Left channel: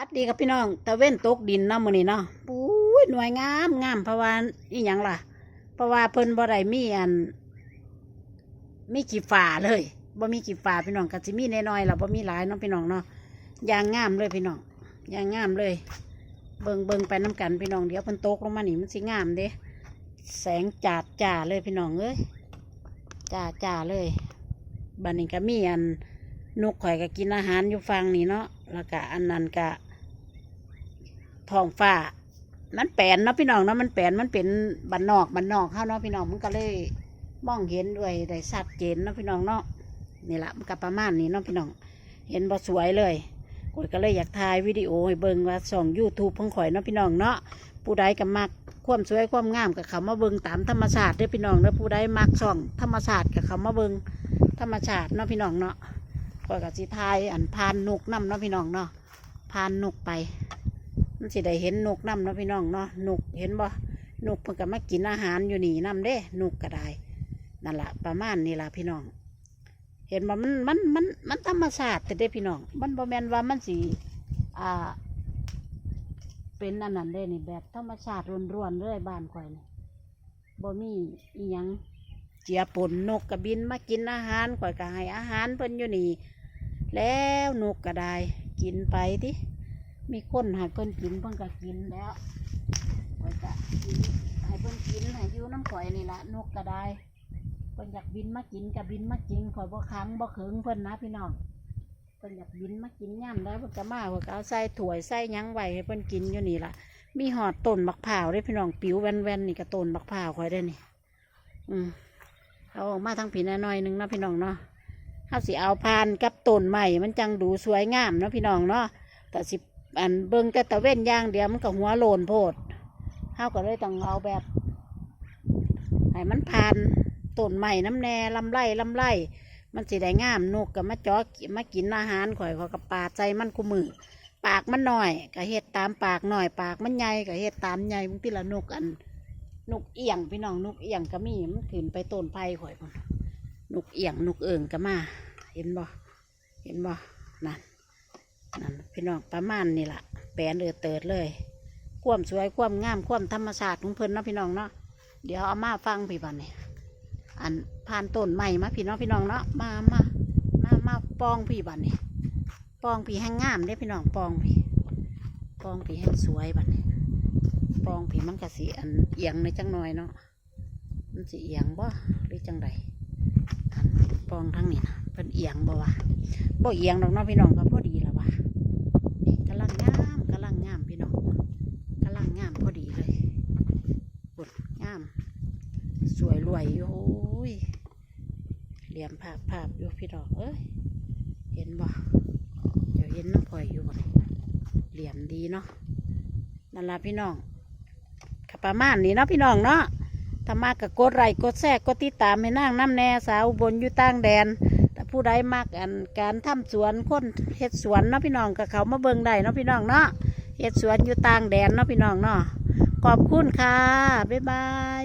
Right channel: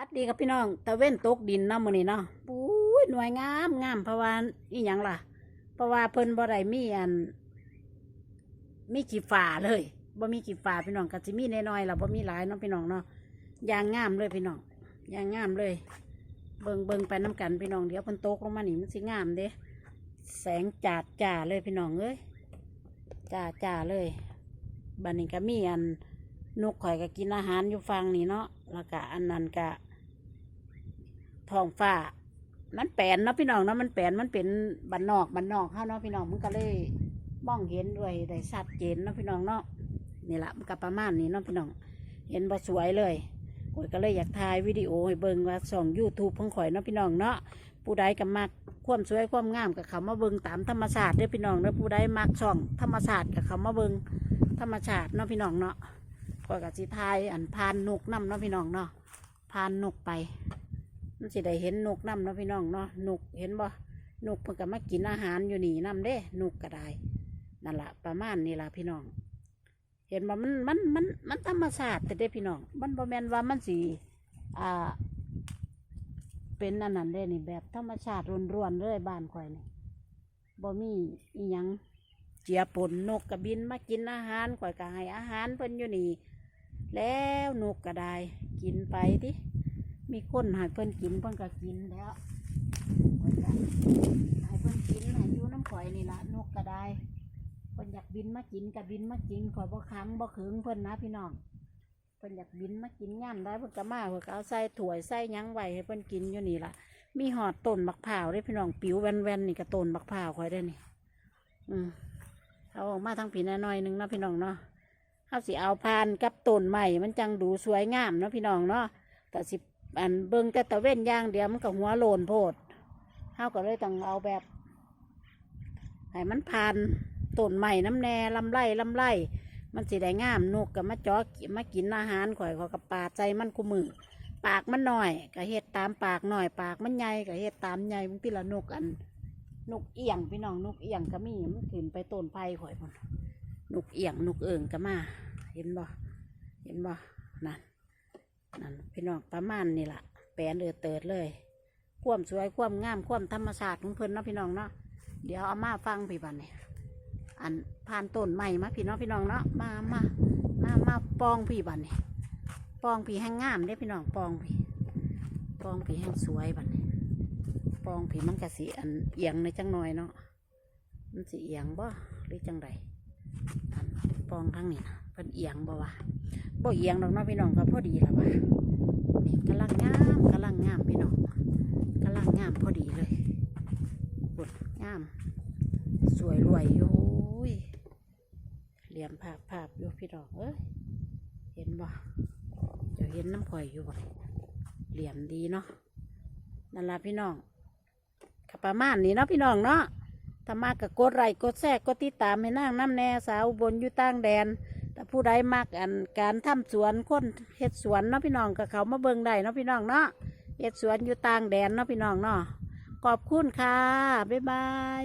ปัดดีครับพี่น้องตะเว้นตกดินเนาะมื้อนี้เนาะปุ้ยหน่วยงามงามเพราะว่าอีหยังล่ะ เพราะว่าเพิ่นบ่ได้มีอันมีกี่ฝาเลยบ่มีกี่ฝาพี่น้องก็สิมีน้อยๆล่ะบ่มีหลายเนาะพี่น้องเนาะอย่างงามเลยพี่น้องอย่างงามเลย เบิ่งเบิ่งไปน้กันพี่น้องเดี๋ยวเพิ่นตกลงมานี่มันสิงามเด้แสงจาดจ้าเลยพี่น้องเอ้ยจ้าจ้าเลยบัดนี้ก็มีอันนกข่อยก็กินอาหารอยู่ฟังนี่เนาะแล้วก็อันนั้นก็ ท้องฟ้า มันแปลนเนาะพี่น้องเนาะมันแปลนมันเป็นบันนอกบันนอกเข้าเนาะพี่น้องมันก็เลยมองเห็นด้วยได้ชัดเจนเนาะพี่น้องเนาะนี่ละมันก็ประมาณนี้เนาะพี่น้อง เห็นบ่สวยเลยข่อยก็เลยอยากถ่ายวิดีโอให้เบิ่งว่าส่องยูทูบของข่อยเนาะพี่น้องเนาะผู้ใดก็มักความสวยความงามกับเขามาเบิ่งตามธรรมชาติเด้อพี่น้องเด้อผู้ใดมักส่องธรรมชาติกับเขามาเบิ่งธรรมชาติเนาะพี่น้องเนาะข่อยก็สิถ่ายอันพานนกนํเนาะพี่น้องเนาะพานนกไป มันสิได้เห็นนกน้ำเนาะพี่น้องเนาะนกเห็นบ่นกเพิ่นก็มากินอาหารอยู่นี่นำเด้ นกก็ได้นั่นละประมาณนี้ล่ะพี่น้อง เห็นบ่มันมันมันมันธรรมชาติแต่เด้พี่น้อง มันบ่แมนว่ามันสิอ่า เป็นอันนั้นเด้นี่แบบธรรมชาติล้วนๆเลยบ้านข่อยนี่บ่มีอีหยังเจียปนนกกระบินมากินอาหารข่อยก็ให้อาหารเพิ่นอยู่นี่ แล้วนกก็ได้ กินไปติ มีคนให้เพิ่นกินเพิ่นก็กินแล้วเพิ่นก็ให้เพิ่นกินให้อยู่น้ำข่อยนี่ละนกก็ได้เพิ่นอยากบินมากินก็บินมากินข่อยบ่ค้างบ่เขิงเพิ่นนะพี่น้องเพิ่นอยากบินมากินย่ำได้เพิ่นก็มาเพิ่นก็เอาใส่ถ้วยใส่ยังไว้ให้เพิ่นกินอยู่นี่ละมีหอดต้นบักพร้าวด้พี่น้องปิวแว่นๆนี่ก็ต้นบักพร้าวข่อยได้นี่ อืมเอาออกมาทางผีน้อยหนึงนะพี่น้องเนาะเฮาสิเอาพานกับต้นใหม่มันจังดูสวยงามเนาะพี่น้องเนาะแต่สิ อันเบิ่งแต่ตะเว้นย่างเดียวมันก็หัวโลนโพดเฮาก็เลยต้องเอาแบบให้มันผ่านต้นใหม่น้ำแน่ลำไรลำไรมันสิได้งามนกก็มาจอกมากินอาหารข่อยขอกับปาดใจมันกูมือปากมันหน่อยก็เฮ็ดตามปากหน่อย ปากมันใหญ่ก็เฮ็ดตามใหญ่บางทีละนกอันนกเอียงพี่น้องนกเอียงก็มีมันขึ้นไปต้นไผ่ข่อยพุ่นนกเอียงนกเอิงก็มา เห็นบ่เห็นบ่นั่น นั่นพี่น้องประมาณนี่แหละแปลนเออเติดเลยความสวยความงามความธรรมชาติของเพิ่นนะพี่น้องเนาะเดี๋ยวเอามาฟังพี่บันนี่อันผ่านต้นใหม่มาพี่น้องพี่น้องเนาะมามามามาปองพี่บันนี่ปองพี่แห้งงามเด้พี่น้องปองพี่ปองพี่แห้งสวยบันนี่ปองพี่มันกะสีอันเอียงในจังหน่อยเนาะมันสีเอียงบ่หรือจังใดอันปองทั้งนี้นะ เป็นเอียงบ่วะบ่เอียงดอกเนาะพี่น้องก็พอดีแล้ววะกำลังงามกำลังงามพี่น้องกำลังงามพอดีเลยปวดงาม สวยรวยอยู่ยเหลี่ยมภาพภาพอยู่พี่น้องเอ้ยเห็นบ่เดี๋ยวเห็นน้ำพลอยอยู่บ่เหลี่ยมดีเนาะนั่นละพี่น้องก็ประมาณนี้เนาะพี่น้องเนาะถ้ามากก็กดไลค์กดแชร์กดติดตามให้นั่งน้ำแน่สาวบนอยู่ต่างแดน ผู้ใดมักอันการทำสวนคนเฮ็ดสวนเนาะพี่น้องกับเขามาเบิ่งได้เนาะพี่น้องเนาะเฮ็ดสวนอยู่ต่างแดนเนาะพี่น้องเนาะขอบคุณค่ะ บ๊ายบาย